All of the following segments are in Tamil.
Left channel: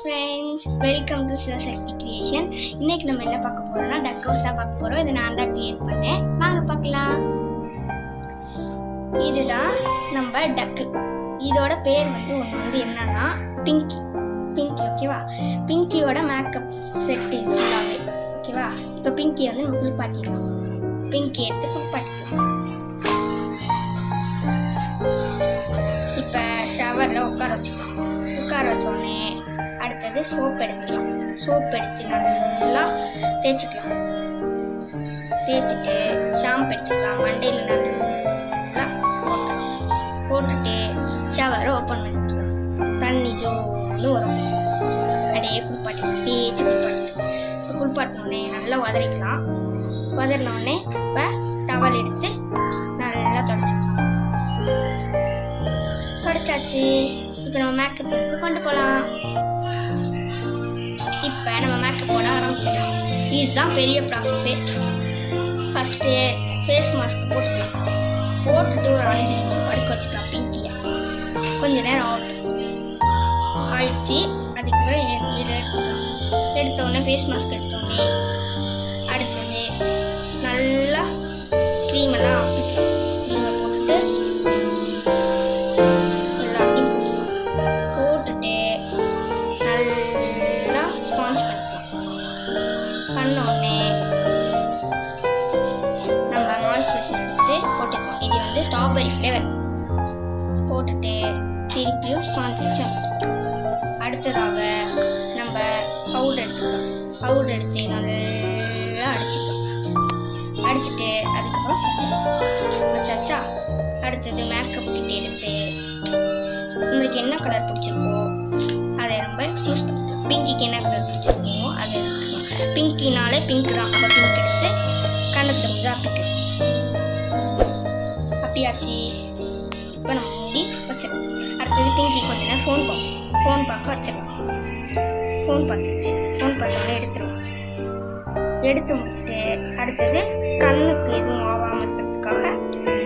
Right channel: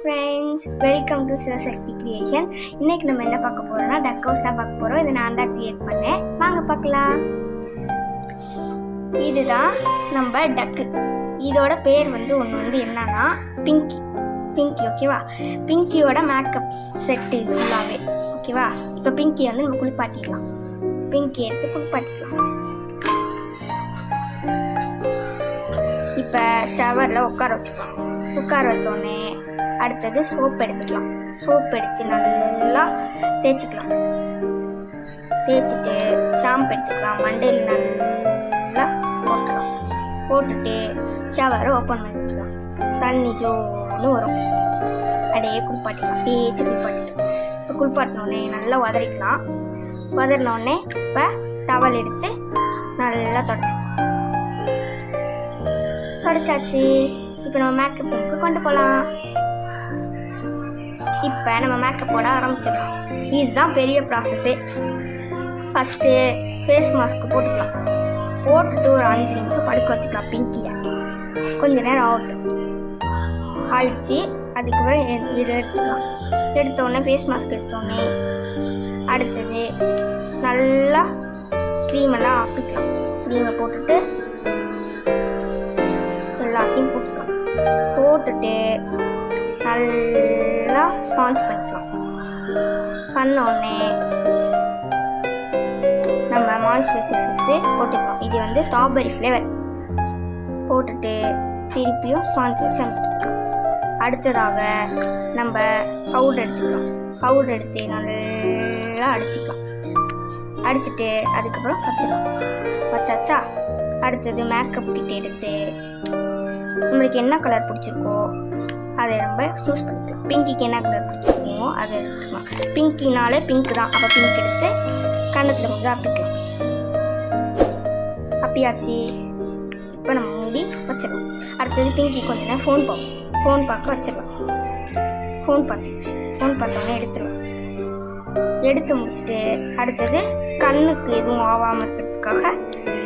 Friends, welcome to Sivasakthi creation. இன்னைக்கு நம்ம என்ன பார்க்க போறோம்னா டக் ஹவுஸ் தான் பார்க்க போறோம். இதை நான் தான் கிரியேட் பண்ணேன். வாங்க பார்க்கலாம். இதுதான் நம்ம டக்கு. இதோட பேர் ஒன்று என்னன்னா பிங்கி. ஓகேவா? பிங்கியோட மேக்கப் செட்டு ஃபுல்லாகவே. ஓகேவா? இப்போ பிங்கியை நம்ம குளிப்பாட்டிடலாம். பிங்கி எடுத்து குளிப்பாட்டிக்கலாம். இப்போ ஷவரில் உட்கார வச்சுக்கலாம். உட்கார வச்சோடனே அடுத்தது சோப் எடுத்துக்கலாம். சோப் எடுத்து நல்லா தேய்ச்சிக்கலாம். தேய்ச்சிட்டு ஷாம்பு எடுத்துக்கலாம். மண்டையில் நல்லா போட்டுக்கலாம். போட்டுட்டு ஷவரை ஓப்பன் பண்ணிக்கலாம். தண்ணி ஜோன்னு வரும். அப்படியே குளிப்பாட்டிக்கலாம். தேய்ச்சி குளிப்பாட்டிக்கலாம். இப்போ குளிப்பாட்டினோடனே நல்லா உதறிக்கலாம். உதறினோடனே இப்போ டவல் எடுத்து நல்லா தொடச்சிக்கலாம். தொடச்சாச்சு. இப்போ நம்ம மேக்கப் ரூமுக்கு கொண்டு போகலாம். இப்போ நம்ம மேக்கப் போட ஆரம்பிச்சிடலாம். இதுதான் பெரிய ப்ராசஸ்ஸு. ஃபஸ்ட்டு ஃபேஸ் மாஸ்க்கு போட்டுக்கலாம். போட்டுட்டு ஒரு 5 நிமிஷம் படுக்க வச்சுக்கலாம். பிங்கியை கொஞ்ச நேரம் ஆயிடுச்சு. அதுக்கப்புறம் இதை எடுத்துக்கலாம். எடுத்தோடனே ஃபேஸ் மாஸ்க் எடுத்தோடனே அடுத்தது நல்லா க்ரீமெல்லாம் ஆப்பிக்கலாம். க்ரீமை போட்டுட்டு எல்லாத்தையும் போட்டுக்கலாம். போட்டுட்டு நல்லா ஸ்பாஞ்ச் பண்ணிக்கலாம். பண்ணோடனே நம்ம மாய்ஸ்சரைசர் எடுத்து போட்டுக்கலாம். இது ஸ்ட்ராபெரி ஃப்ளேவர். போட்டுட்டு திருப்பியும் ஸ்பாஞ்ச் வச்சு அமைக்கலாம். அடுத்ததாக நம்ம பவுடர் எடுத்துக்கலாம். பவுடர் எடுத்து நல்லா அடிச்சுக்கலாம். அடிச்சுட்டு அதுக்கப்புறம் வச்சிடலாம். வச்சாச்சா? அடுத்தது மேக்கப் கிட்ட எடுத்து நம்மளுக்கு என்ன கலர் பிடிச்சிருக்கோ அதை நம்ம சூஸ் பண்ணிக்கலாம். பிங்கிக்கு என்ன கலர் பிடிச்சிருக்கோ அதை எடுத்துக்கலாம். பிங்கினாலே பிங்க் தான். அப்போ பிங்க் எடுத்து கண்ணத்தில் கொஞ்சம் அப்பியாச்சு. இப்போ நம்ம மூடி வச்சிடலாம். அடுத்தது பிங்கி கொஞ்ச நேரம் ஃபோன் பார்க்க வச்சிடலாம். ஃபோன் பார்த்தோன்னே எடுத்துடலாம். எடுத்து முடிச்சுட்டு அடுத்தது கண்ணுக்கு எதுவும் ஆகாமல் இருக்கிறதுக்காக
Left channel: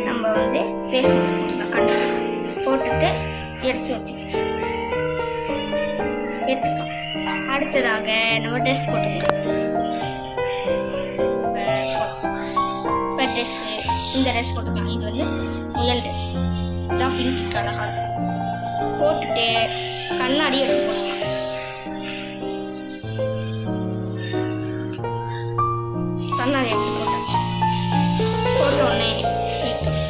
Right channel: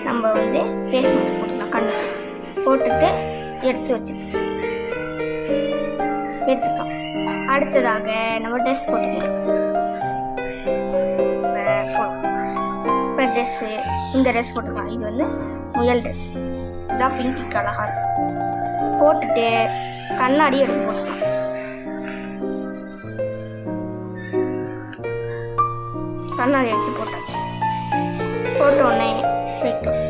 நம்ம ஃபேஸ் மாஸ்க் போட்டுக்கலாம். கண்ணுக்கு போட்டுட்டு எடுத்துக்கலாம். அடுத்ததாக நம்ம ட்ரெஸ் போட்டுக்கலாம். இப்போ ட்ரெஸ்ஸு இந்த ட்ரெஸ் போட்டுக்கலாம். இது முயல் ட்ரெஸ். இதுதான் பிங்கிக்கு அழகாக இருக்கும். போட்டுட்டு கண்ணாடி எடுத்து போட்டுக்கலாம். கண்ணாடி எடுத்து போட்டாச்சு. போட்டோடனே போயிட்டோம்.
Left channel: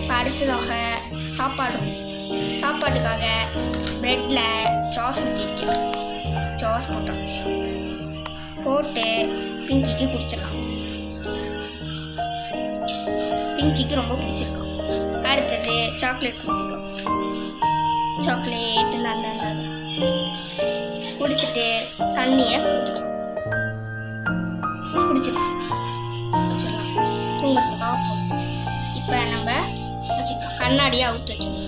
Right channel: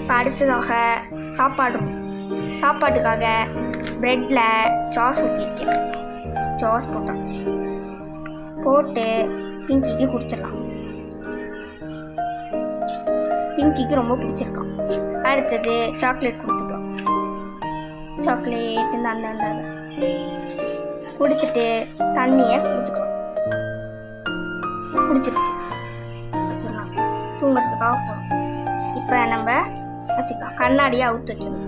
இப்போ அடுத்ததாக சாப்பாட்டுக்காக ப்ரெட்டில் சாஸ் ஊற்றிருக்கேன். சாஸ் போட்டாச்சு. போட்டு பிங்கிக்கு குடிச்சிடலாம். பிங்கிக்கு ரொம்ப பிடிச்சிருக்கான். அடுத்தது சாக்லேட் கொடுத்துக்கலாம். சாக்லேட் அந்த குடிச்சிட்டு தண்ணியை குடிச்சிக்கலாம். குடிச்சிருச்சு. வச்சிடலாம். தூங்குறதுக்காக போகணும். இப்போ நம்ம வச்சுக்கலாம். கண்ணாடியை அவுத்துலாம்.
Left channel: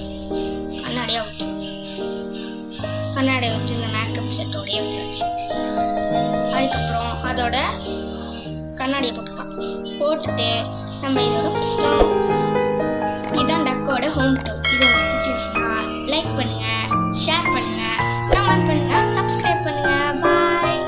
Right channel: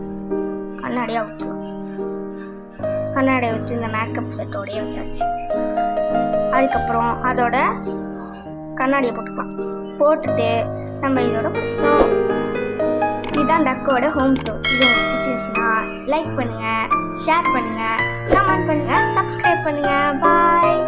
கண்ணாடியை வச்சு இந்த மேக்கப் செட்டோடையே வச்சாச்சு. அதுக்கப்புறம் அதோட கண்ணாடியை போட்டுக்கலாம். போட்டுட்டு நம்ம இதோட கஷ்டம். இதுதான் டக்கோட ஹோம் டூர். இது உங்களுக்கு பிடிச்சிருந்துச்சுன்னா லைக் பண்ணுங்கள், ஷேர் பண்ணுங்கள், கமெண்ட் பண்ணுங்கள், சப்ஸ்கிரைப் பண்ணுங்கள். பாய்.